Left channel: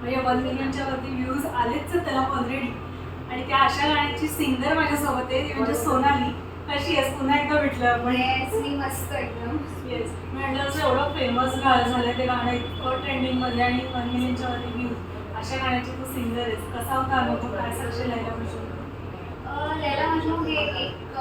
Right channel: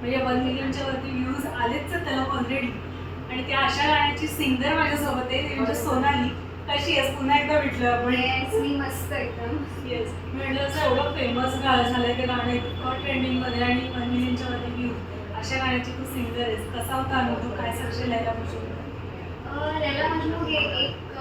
म्हणजे वन मिलियनच्या वरती व्ह्यूज आलेच त्याला ऑलरेडी आणि त्या अशा गाण्याची सिंगर माझ्यासोबत आहे ती म्हणजे सोनाली. कशी आहेस? पुन्हा एकदा भेटलं आपण. येस मी मस्त एकदम. येस म्हटलं असं एवढं फेमस गाणं झालंय ते गाणं इतकं ट्रेंडिंगमध्ये आणि वन मिलियनच्या वरती व्ह्यूज अशा गाण्याची तू सिंगर आहेस. कसा होता अनुभव? काय लैला मजनू अं, लैला मजनू हे एक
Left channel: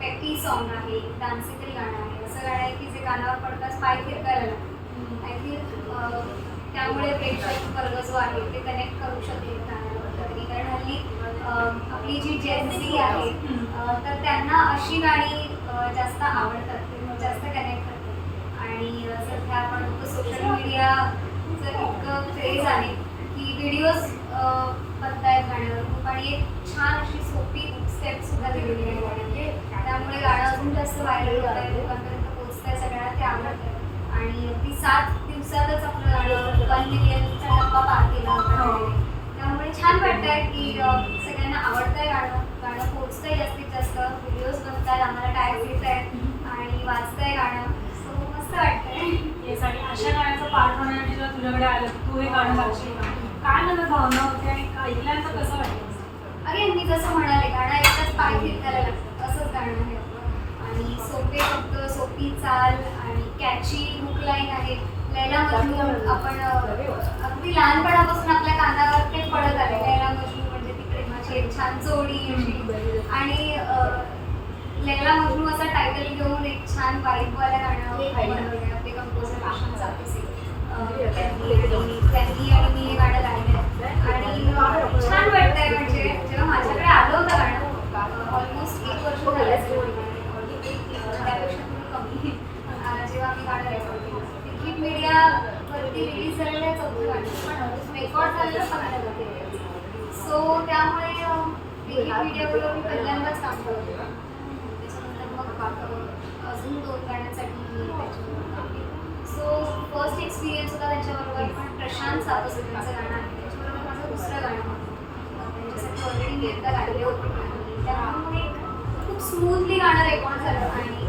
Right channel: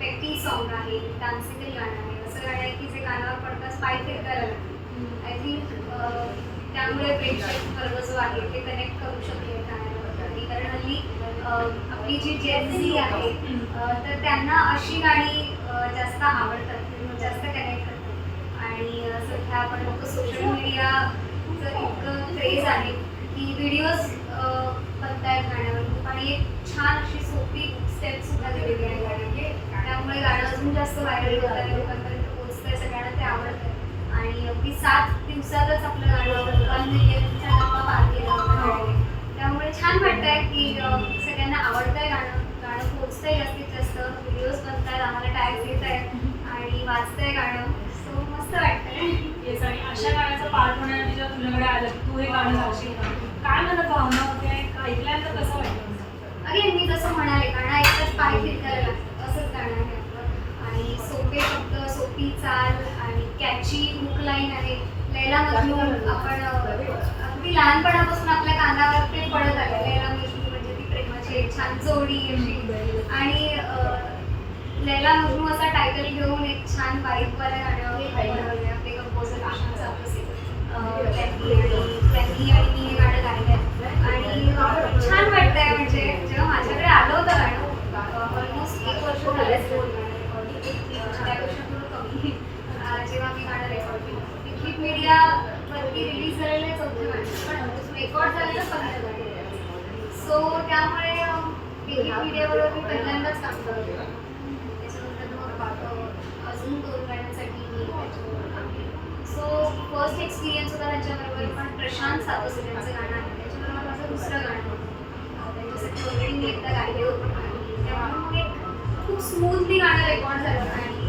पेपी सॉन्ग आहे डान्सिकल गाणं आहे. असं गाणं आहे की जे कानावर पडताच पाय थिरकायला लागतं. आय थिंक त्यामुळे प्रेक्षक वर्ग जो आहे ते कनेक्ट करू शकेल गाण्याबद्दल कारण हल्ली आपली जी जेन्सी आहे तर त्यांना अशी गाणी जास्त आवडतात जास्त कनेक्ट करतात. आणि सध्या आपण लोक सोशल मीडियाचं इतकं क्रेज आहे की व्हिडिओज बनतायत गाण्यावर. खूप आणि एक छान अशी सोपी स्टेप सुद्धा दिलेली आहे. गाण्यामध्ये त्यामुळे गाणं अजून जास्त व्हायरल होत आहे लोकांपर्यंत पोहोचत आहे सगळ्यांना ते आवडत आहे आणि अगदी सात दिवसातच आपलं गाणं वन मिलियनचा टप्पा पार केला होता गाण्याने. त्यामुळे छान वाटतंय की सगळ्यांना आवडतंय गाणं. गाणं पोहोचतंय जास्तीत जास्त. व्हिडिओज बनतात आम्हाला टॅग येत आहेत आणि वाचतंय गाणं. सो मस्त वाटतंय. येस आणि अशा गाण्याचं पार्ट होण्यासाठी जेव्हा तुझ्याकडे आलं तू हे गाणं गाशील काय मला भावना होते ऐकल्यानंतर कसं वाटलं? अगेन मी जसं म्हणाले गाणं ऐकताच पाय फिरकायला लागतं. असंच गाणं आहे. आणि सोपे शब्द सोपी चाल कॅची हुक लाईन आहे. लैला मजनू आपण अगदी लहानपणापासून आपल्या कानावर ते पडत आले लैला मजनू म्हणजे ती प्रेमाची एक छान जोडी अशी. आणि लैला मजनू असा टायटल घेऊन एक छान वाईबवाल्या गाणं आपले कंपोजर अं, त्यांनी आणि त्यांनी आणि मी हे गाणं गायलं आहे आणि अं, छान वाटतंय म्हणजे जेव्हा माझ्याकडे आलं होतं गाणं ऑलमोस्ट एक वर्ष झालं असेल अं, त्यापेक्षा थोडं कमी अं, जेव्हा मी गाणं रेकॉर्ड केलं तिकीट मीडियावरती रिलीज झालेलं आहे चौथं गाणं पण रेकॉर्ड झालेलं पहिलं गाणं सो त्यामुळे तिकीट मीडियाबरोबर मी पहिल्यांदाच काम करते त्याच्यानंतर मग अं, अजून दोन गाण्यांसाठी मी त्याच्याबरोबर काम केलं सो फर्स्ट एक्सपिरियन्स होता त्यांच्याबरोबर पण प्रशांत सातोसे त्यांचं गाणं आहे. त्याच्याबरोबर माझं दुसरं गाणं होतं त्यांच्यासाठी ऑलरेडी मी एकदा गायले होते. आणि त्यामुळे मग एक खूप स्मूथली गाणं रेकॉर्ड झालं. आणि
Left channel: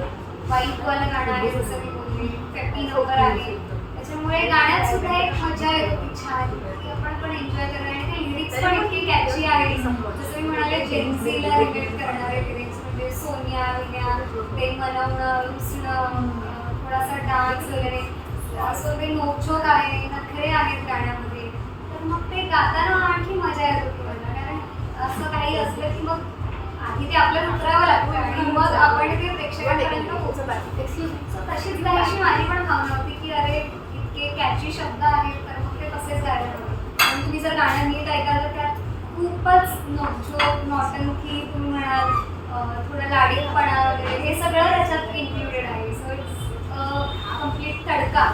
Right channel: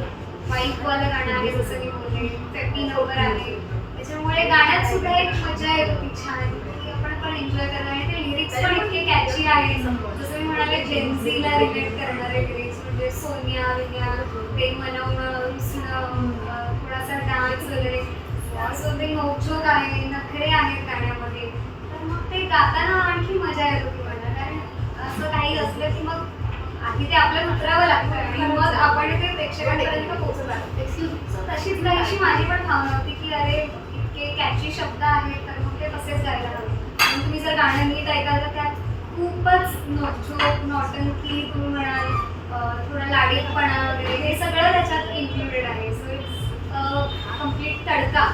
वाईकवालं गाणं आहे जसं मी बोलले फिफ्टी नंबर आहे. त्याच्यामुळे गाण्यात सुद्धा एक मजा येत होती छान की आपण पण एन्जॉय करणार आणि ते लिरिक्स पण इतके कॅची आहे जसं मी म्हणाले जेन्सीला रिलेट करणारे लिरिक्स म्हणजे सोनिया विन्या असं ते नोकझोक आहे नखरे आहेत गाण्यामध्ये तर मग ते गाताना आणखी मजा येतो होती कारण असं काही असलं की मग आधी ते आपल्याला उतरावं लागतं आणि मग आपण ते प्रेक्षकांपर्यंत पोहोचत आहे तशीच तशीच अशी माझी पण भावना होती की अरे इतके कॅची शब्द आहेत तर मग ते कसेच गायला हवे. आणि तुम्ही जर गाणं नीट ऐकाल तर त्यात खूपच नोकझोक नॉटंकी तुम्ही म्हणाल थोडं लाडीपणा वगैरे हे सगळं त्याच्यात इन्क्लुडेड आहे. So it's complete tadka.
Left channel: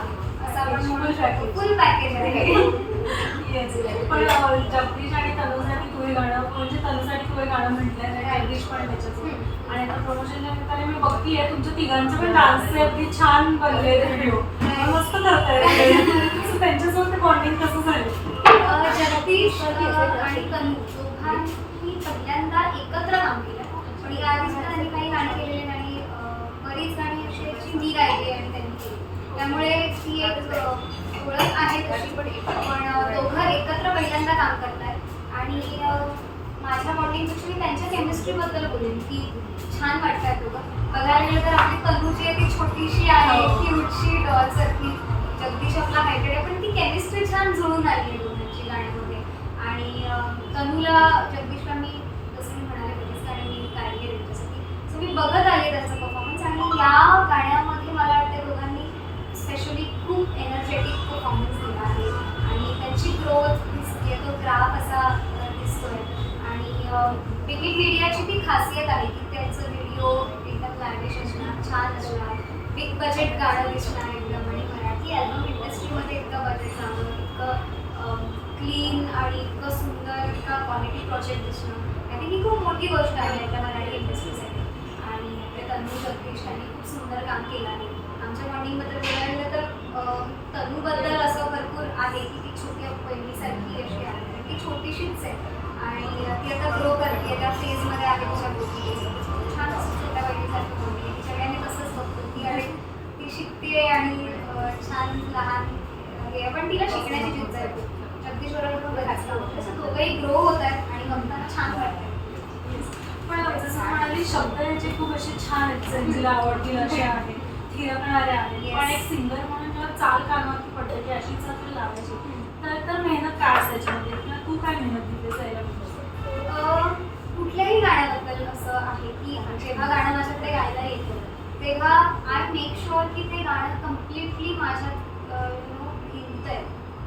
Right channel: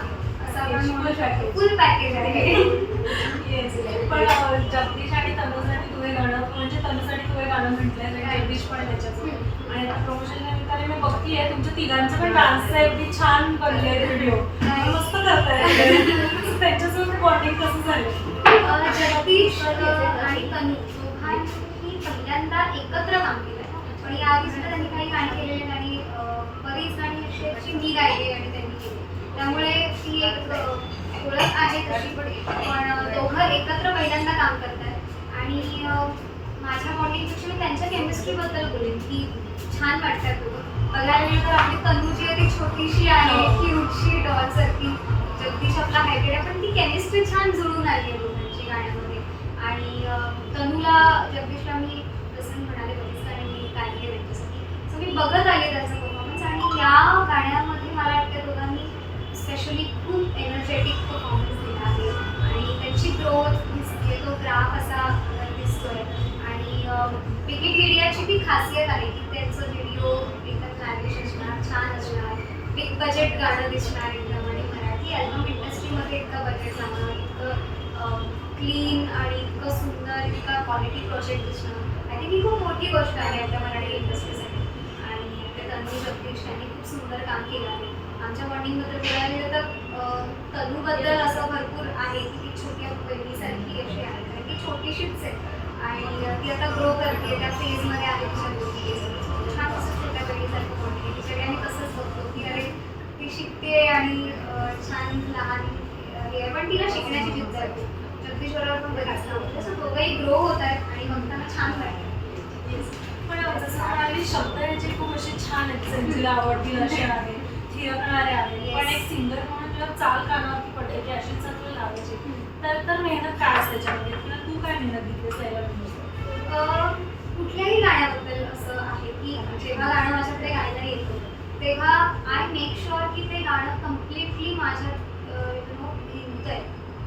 Full package आहे. येस पण जगदीश आणि तनुसाठी तू हे गाणं म्हणजे तनुसाठी तू हे गाणं म्हटलंय आणि जगदीश पण त्याच्यात आणि आता प्रमोशन निमित्ताने मी बघतीये तुमच्या तिघांचं पण डान्सचे अगदी छान बनले व्हिडिओ मस्त करताय त्यांच्यासोबत बॉन्डिंग कसं झालं जगदीश आणि तनु दोघांनी पहिल्यांदा एकत्र काम केलं पण याआधी सुद्धा त्यांनी काही गाणी केलेली आणि बरीच गाणी अशी मी गायली आणि त्यांनी केली. त्यामुळे ती एक ओळख आहे तशी पण. दोघं एकत्र पहिल्यांदा काम करतात. आणि माझ्या बॉन्डिंगपेक्षा मी त्यांच्या केमिस्ट्रीबद्दल बोलेन की छान वाटतात दोघं. बघायला गेलं तर आपली तनु जी आहे ती छोटीशी आहे हो. क्यूटशी छान असणार बिग बजेट गाणं दिसणार एकदम आणि मराठी ॲल्बम इंडस्ट्रीमध्ये इतकं बजेट लावणं इतकं क्लीन आणि इतकं सुंदर इतका क्वालिटी प्रोजेक्ट दिसणं आय थिंक ही खूप मोठी गोष्ट आहे आपल्या मराठी इंडस्ट्रीसाठी आणि ते तनु जगदीश त्यांनी खूप सुंदर काम केलं आहे. आमच्या मॉर्निंगबद्दल बोलायला गेलं तर तनूबद्दल असं भरपूर आहे की ती छोट्या बहिणीसारखी अशी आहे. कारण ती छोटीशीच आहे. आणि ती आता ग्रो करते त्या फेजमध्ये आहे तिच्या ती शिकते आणि छान लहान हे आहे पण तिला शिकण्याची जिद्द आहे. जगदीश बरोबर पण बघायचं आवडतं तसं दोघंही ग्रो होत आहेत आणि बघताना छान वाटतं. पण जसं म्हणाली शब्द याचे खूप असे छान आहेत सेन्सीला आवडतील असे आहेत थिरकणारे आहेत. पण एक सिंगर म्हणून जेव्हा चाल कानावरती पडते की अशीच आपल्याला लावायची. तर तर मेहनत काय असते त्याच्यामध्ये किंवा तू काय मेहनत घेतली जायला कुठल्याही गाण्याबद्दल असं आहे की जेव्हा गाणं माझ्याकडे गायला येतं तेव्हा आय मेक शुअर की ते गाणं कम्प्लिटली माझ्यात नो भिंतय.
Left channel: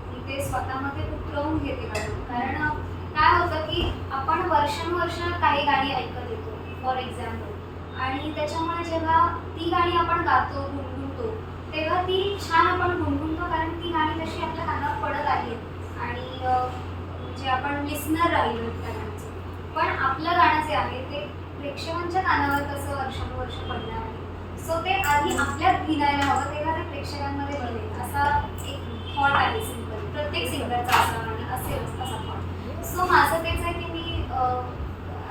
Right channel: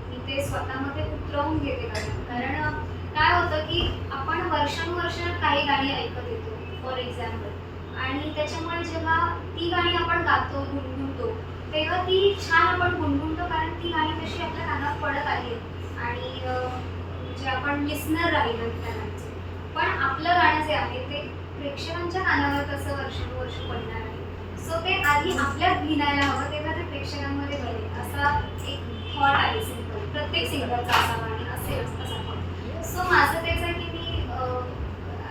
मी ते स्वतःमध्ये उतरवून घेते गाणं. कारण काय होतं की आपण वर्षानुवर्ष काही गाणी ऐकत येतो फॉर एक्झाम्पल आणि त्याच्यामुळे जेव्हा ती गाणी आपण गातो गुणगुणतो तेव्हा ती छान आपण गुणगुणतो कारण ती गाणी तशी आपल्या कानावर पडत आहेत. आणि म्हणजे आपण लिस्नर राहिलो त्या गाण्याचं पण आपलं गाणं जे आहे ते प्रेक्षकांच्या कानावर कसं वर्षानुवर्ष पडणार आहे सो ते आधी आपल्यात भिनायला हवं तेव्हा ते प्रेक्षकांमध्ये बनेल असा एक थॉट आहे सिंपल प्रत्येक सिंगरचा असा आणि असेल असा थॉट सो माझं तेच आहे की मी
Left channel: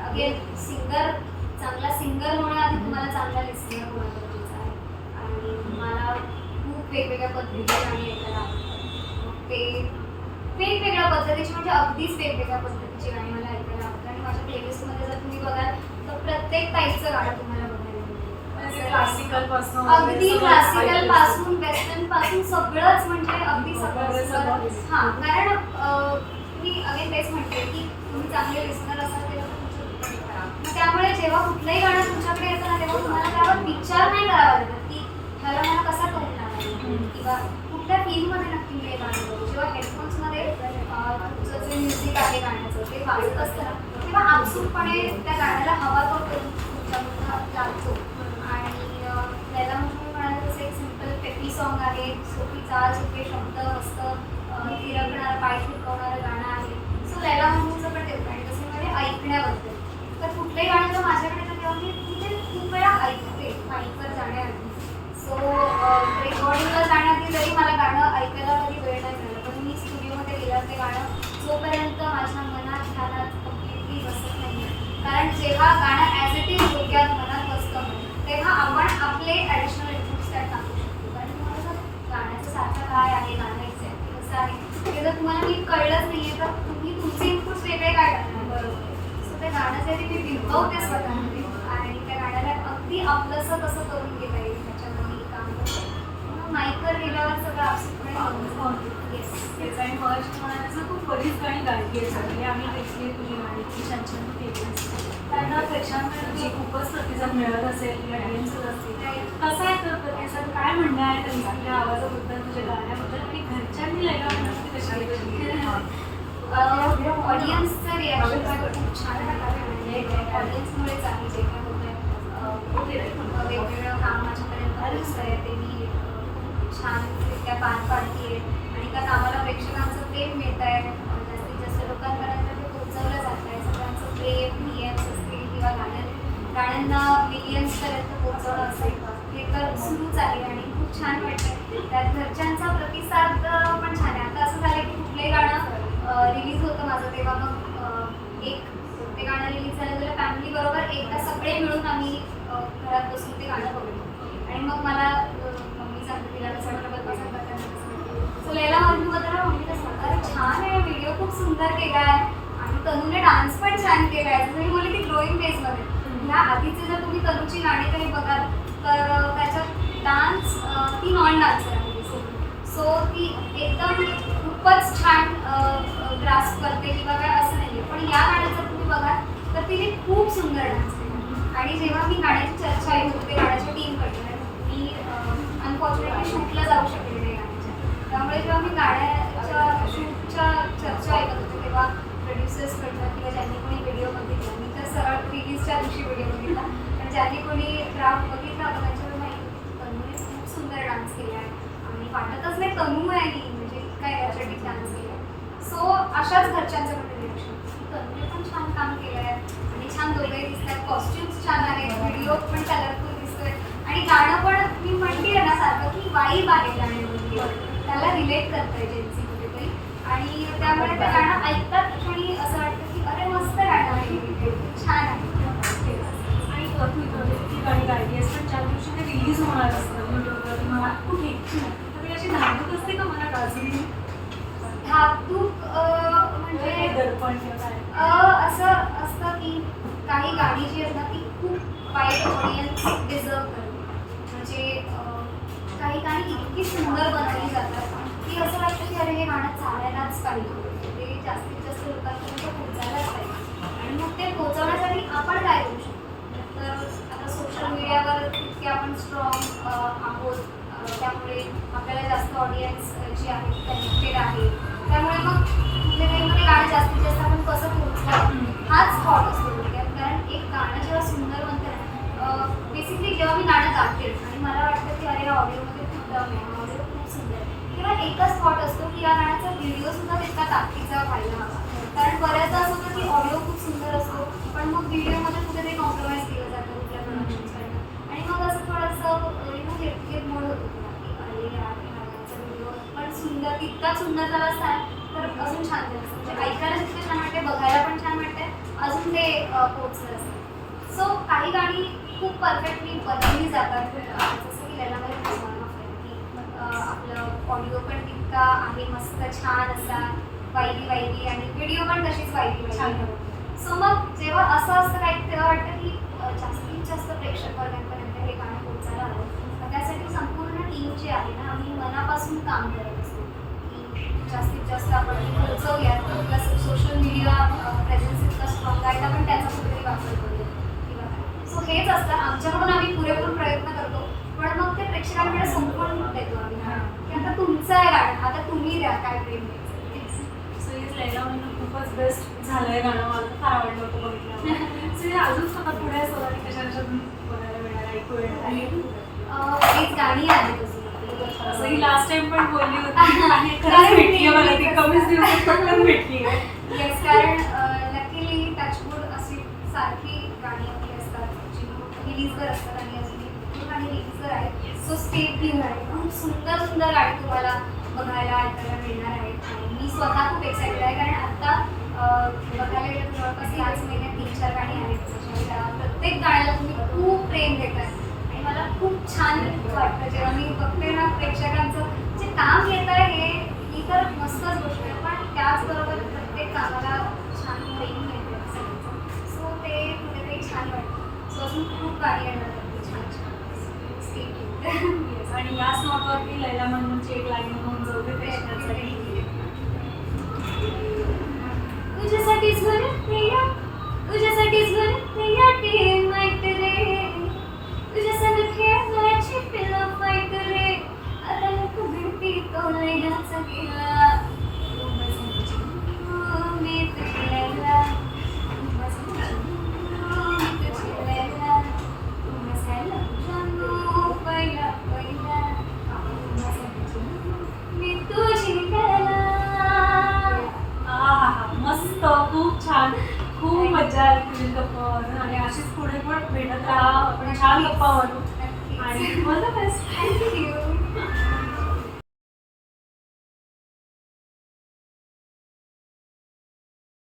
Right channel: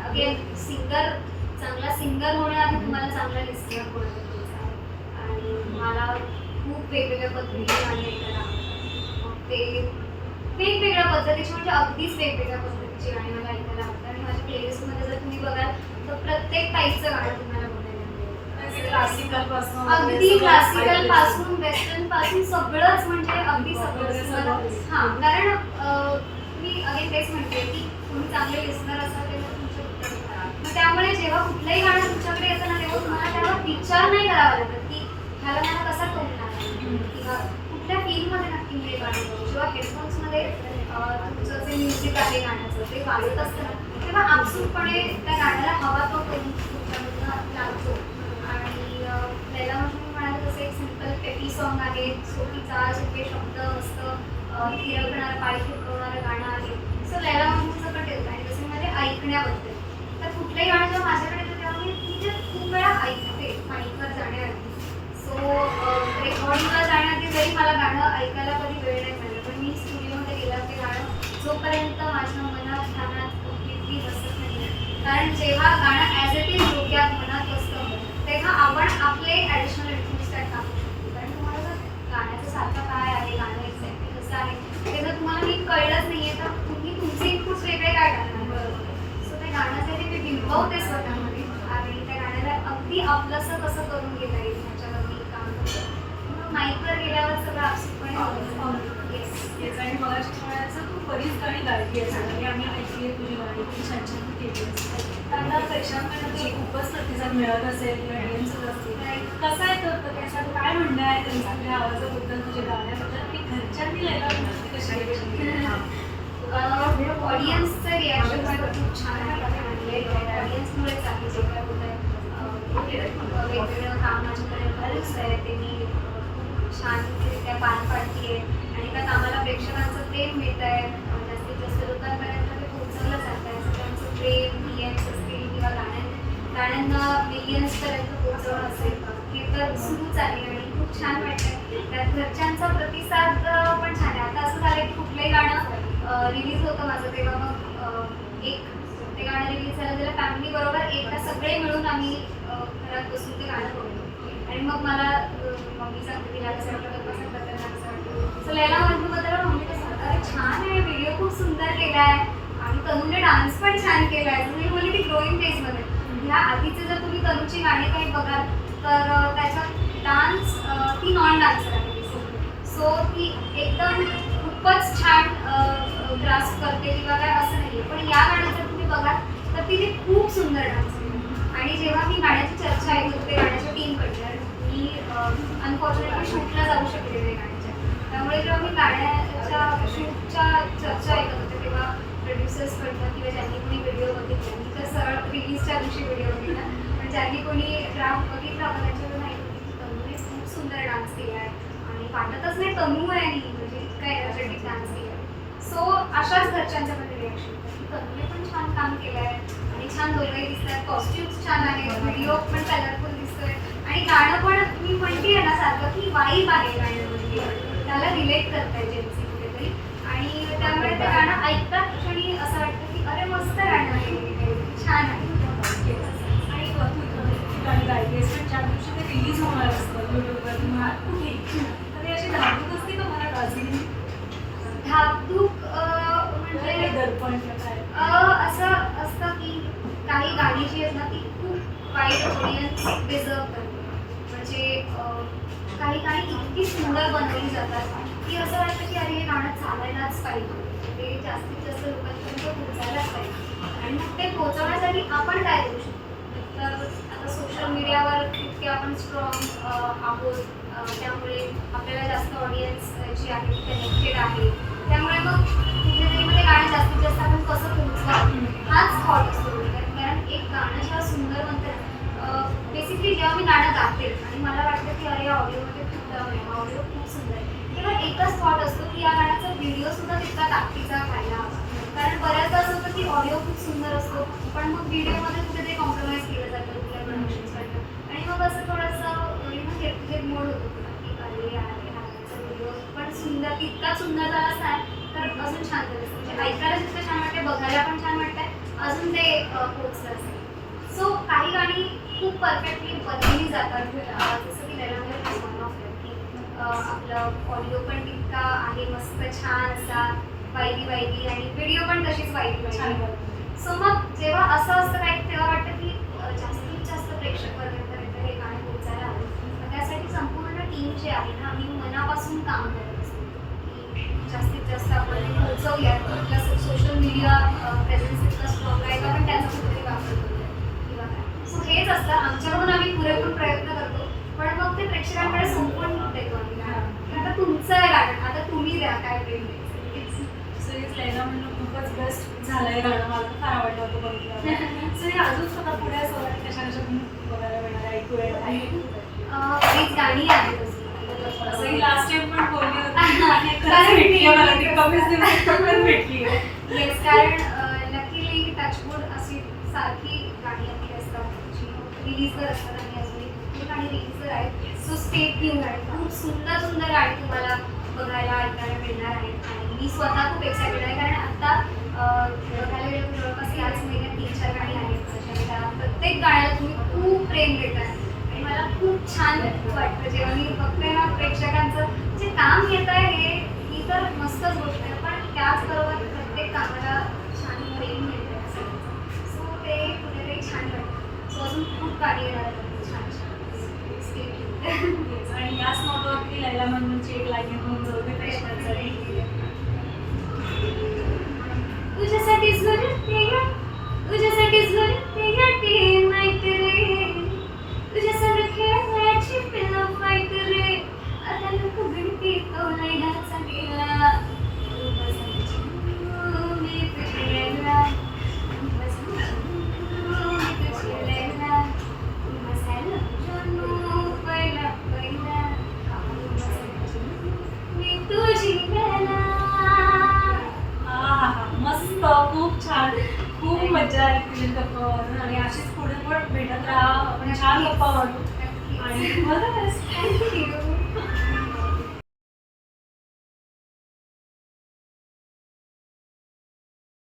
अगेन सिंगर चांगला सिंगर होण्याआधी तुम्हाला चांगला लिस्नर होणं गरजेचं आहे. आणि मला खूप वेगवेगळ्या पद्धतीची गाणी ऐकायला आवडतात. मग ते वेगवेगळ्या पद्धतीची म्हणजे अगदीच वेगवेगळ्या पद्धतीची गाणी मला ऐकायला आवडतात. आणि माझ्या प्लेलिस्टमध्ये जर तुम्ही बघाल तर प्रत्येक टाईपचं गाणं तुम्हाला क्लासिकलपासून अगदी क्लासिकलपासून वेस्टर्नपासून सगळंच म्हणजे अगदी सगळं. हा कारण मी अगेन तेच म्हणते की तुम्ही चांगले लिस्नर असाल तेव्हा तुमचे त्यामुळे जेव्हा कुठलंही गाणं तुमच्याकडे येतं ना तेव्हा तुम्हाला त्यावर विचार नाही करावा लागत की ह्याला मला कसा टोकणार आहे. किंवा कुठल्या फील्डमध्ये नक्की हे गाणं करू? जेव्हा हेडफोन्समध्ये तुमचं जे म्युझिक आहे गाण्याचं ते वाजत असतं ना तेव्हा आपसूकपणे त्या गाण्याला हवा तो करून तुमच्याकडनं लागतो. लैला मजनू म्हणाल तसं एक सिंपल पेपी सॉन्ग आहे. सोपी चाल सोपे शब्द मस्त थिरकणारं पाय थिरकवणारं गाणं आहे. सो लैला मजनूचं पण तेच आणि तसे मध्ये ऐकण्याबद्दल. तर कुठलंही गाणं जेव्हा माझ्याकडे येतं तेव्हा मी म्हणजे खूप वेळा ऐकते माईकवर जाण्याआधी. सो रेकॉर्डिंगला जाण्याआधी जरी मला गाणं ऐकायला कधी वेळ नाही मिळाला पण मी स्टुडिओमध्ये गेल्यावर ते गाणं जोपर्यंत माझ्या मनात ध्यानात कम्प्लिटली बसत नाही कारण जेव्हा गाणं ॲज इट इज तेव्हा आपण आपले ॲडिशनल इनपुट्स त्यात टाकू शकतो. कारण तुम्हाला गाण्याचं सारखं काय आहे गाणं एक्झॅक्टली कसं आहे ते जर तुम्हाला नीट कळलंच नाही आहे तर तुम्ही तुमचे इनपुट्स वेगळे काय करणार बरोबर. सो ते गाणं जे ते बिंबवते स्वतःमध्ये. आणि त्या गाण्याला अगदी आपलंसं कसं करून घेता येईल. ह्याच्यावर मी काम करते. मग माईकवर गेल्यावर सगळं आपसूकपणे येस आणि तू बरीच गाणी गायली आहे सगळी आम्ही ऐकली आहे तुझी गाणी ती छान छान केली आहेस. त्यांना प्रेक्षकांकडे तुझा खूपच प्रतिसाद मिळत असेल ऑडियन्सच असतील. कसा आहे तो प्रतिसाद काय म्हणणं आहे त्यांचं तुझ्या आवाजाबद्दल तुझ्या गाण्याबद्दल? आणि घरच्यांनी लैला मजनूची कशी ऑडियन्सचं रिॲक्शन खूप छान आहे. ऑडियन्समुळेच आहे जे काय वेगवेगळं काम माझ्यापर्यंत पोहोचत आहे ते मी अं, छानरित्या पार पाडते आणि त्या कामाला प्रेक्षकांचं प्रेम मिळत आहे. जास्तीत जास्त लोकांपर्यंत ते पोहोचवलं जात आहे. सगळ्यांचं प्रेम मिलियन्स असतील किंवा गाण्या गाण्यांना मिलियन्सपर्यंत पोहोचवणं असेल हे तर सुरूच आहे आणि खूप छान वाटतं. त्यात घरच्यांचा प्रतिसाद पण छान आहे. आता असं झालं की कुठलंही गाणं रिलीज होतं माझं तेव्हा. मग एक ते गाणं रिलीज झालं त्याला फॅमिली बरोबर एकदा सगळे मिळून आम्ही घरात बसून ते गाणं बघतो. आणि मग मला मम्मी सांगते तिला वाटतं सो लैला मधूबद्दल मम्मीला सांगतात अरे छान आहे व्हिडिओ खूप सुंदर केला आहे आणि तनूने डान्स पण छान केला आहे तुम्ही मी बोलली की ग्रोईंग फेजमध्ये ह्या आधीचे जर तुम्ही तनूची गाणी काही बघाल तर त्याच्यात डान्स ती नॉन डान्सर आहे. सो ती एकदम खूपच छान ग्रास करते किंवा काय असं नाही आहे पण या गाण्यात जर तुम्ही बघाल तर तिने खूप सुंदर डान्स केला आणि जेव्हा मी गाण्याची चर्चा ऐकत होते गाण्याच्या टीमकडे मी अनफॉर्च्युनेटली शूटला जाऊ शकले नाही. गाण्याच्या जेव्हा मी गाण्याच्या शूटच्या चर्चा ऐकत होते तेव्हा प्रोड्युसर्सकडनं किंवा ज्यांनी कोणी व्हिडिओ बघितला मी तर सरळ रिलीजच्या दिवशी व्हिडिओ बघितला. पण ज्यांनी कोणी ड्राफ्ट बघितला होता त्यांच्यावर माहिती होती की तनूने खूप सुंदर डान्स केला आहे. आणि वाटतच नाही तनू आहे आणि म्हणजे काय एनर्जेटिक डान्स केला सो अशाच घरच्यांच्या पण रिॲक्शन की तनूने पण छान काम केलं आहे. आणि छान दोघंही दिसत आहेत कॉस्ट्युम्स छान आहेत. व्हिडिओ पण कलरफुल दिसतोय. आणि गाणं पण मी म्हणते ना सारखं की वाईब आहे गाणं स्वतःला रिलेट करताय जेन्सी कुठेतरी. आणि त्यामुळे ते गाणं ऐकतात आणि असं वाटतं की अरे मस्त गाणं आहे छान आहे. आणि ती गाणी गायली आहेस पण ज्या दिवशी ते रिलीज होणार असतं युट्यूबवर तुम्हाला कुठे? तर अशी धाकधूक असते का मला गाजली धाकधूक म्हणजे, म्हणजे दडपण असं असतं की काही गाणी जी आहेत ना ती खूप वाईट ऑडियन्स डिझर्व करते म्हणजे काही गाणी इतकी सुंदर बनवली जातात की असं वाटतं की अरे हे गाणं चालायलाच पाहिजे. ते जास्तीत जास्त लोकांपर्यंत पोहोचायलाच पाहिजे. आणि मग ते पोहोचवण्यासाठी आपण काय करू शकतो? तर आता सोशल मीडियावर इतके आपण स्ट्रॉंग आहोत. त्यामुळे आपल्याला जास्त ऑडियन्स जी आहे ती कनेक्टेड आहे. त्यामुळे मग कुठे तरी मध्ये गाणं जास्तीत जास्त आपण कसं पोहोचवा हाच थॉट असतो कारण एक गाणं जेव्हा सुंदर बनतं बेसिकली जेव्हा मी गाणं गाते मला वाटतं की अरे ऑडिओमध्ये खूप दम आहे. ऑडिओ खूप सुंदर आहे. किंवा एकच थॉट असतो की या गाण्याचा व्हिडिओ सुद्धा तितका ताकदीचा व्हायला हवा. कारण बऱ्याचदा असं होतं की ऑडिओ खूप सुंदर असतो पण मग व्हिडिओमध्ये कुठेतरी कॉम्प्रोमाइज केलं जातं कुठल्या प्रोडक्शन्सकडनं आणि मग असं थोडंसं यु नो हेट मोड होतो तुला की अरे यार गाण्याचा व्हिडिओ पण सुंदर तितकाच सुंदर झाला आहे तर अजून छान झालं म्हणजे ऐकायला जितकं छान वाटते बघायला पण छान वाटतंय अजून ते पोचलं असतं. सो काही गाणी खूप परफेक्टली बनवली जातात. जसं की लग्नामध्ये वन ऑफ की आपलं ऑडिओ पण तितका आहे मस्त छान असा वाईली वाईली आणि व्हिडिओ पण तशीच वाईली सो मग जेव्हा असं असतं काही तेव्हा वाटतं की जास्तीत जास्त प्रेक्षक वर्गांपर्यंत हे गाणं पोहोचायला हवं. मग त्यासाठी संपूर्ण टीम जी आहे ना आम्ही मनापासून काम करत असतो. की जास्तीत जास्त आपण पोहोचवूयात. प्लस सोशल मीडिया प्रेझेन्स इतका स्ट्रॉंग आहे पण त्याचा असतं आमच्याकडून आम्ही पुरेपूर प्रयत्न करतो. पण मग ते प्रेक्षकांकडे संपवून देतो आम्ही. आता तुमचं आहे गाणं. आता तुम्ही द्या काय प्रेम सिरीज लैला म्हणून खूपच बेस्ट झालंय गाणं. मला फार आवडलं होतं बघितलं सो हे अजून स्वतः पुढे असं कशा कशातून बघायला मिळणार ऐकू आहे. हीच गाणी आहेत अजून. असं ही लास्ट टाइम पण बोलली होती. आणि खरंच भेटली मला ती. कमीच दिवसात पटकन भेटली. येस कारण लकीली टचवूड अशी सारखी गाणी रिलीजवर असतात आणि अजूनही भरपूर गाणी रिलीजवर आहेत. सो स्टे ट्यून आहे. खूप सुंदर सुंदर गाणी तुम्हाला बघायला ऐकायला मिळणार आहेत. आणि मी स्वतः खूप एक्सायटेड आहे. कारण आत्ता बघायला गेलं तर जवळपास याच महिन्यात तीन चार गाणी आहेत. त्याच्यामुळे त्या प्रत्येक गाण्याला तुम्ही खूप प्रेम देतात आणि मला खूप छान वाटतं. जेव्हा मी बघते ना प्रेक्षकांचं जे काम घेत आहे हे ही तर मस्तच गोष्ट आहे. पण त्याचबरोबर प्रत्येक कामाला छान प्रेम मिळते सो ते कुठेतरी छान वाटतं. अजून खूप आहेत. छान छान. आणि याच नोटवरती लैला म्हणूनची एक लाईन होऊन जाऊ दे प्रेक्षकांसाठी तुझ्यासाठी झुरते या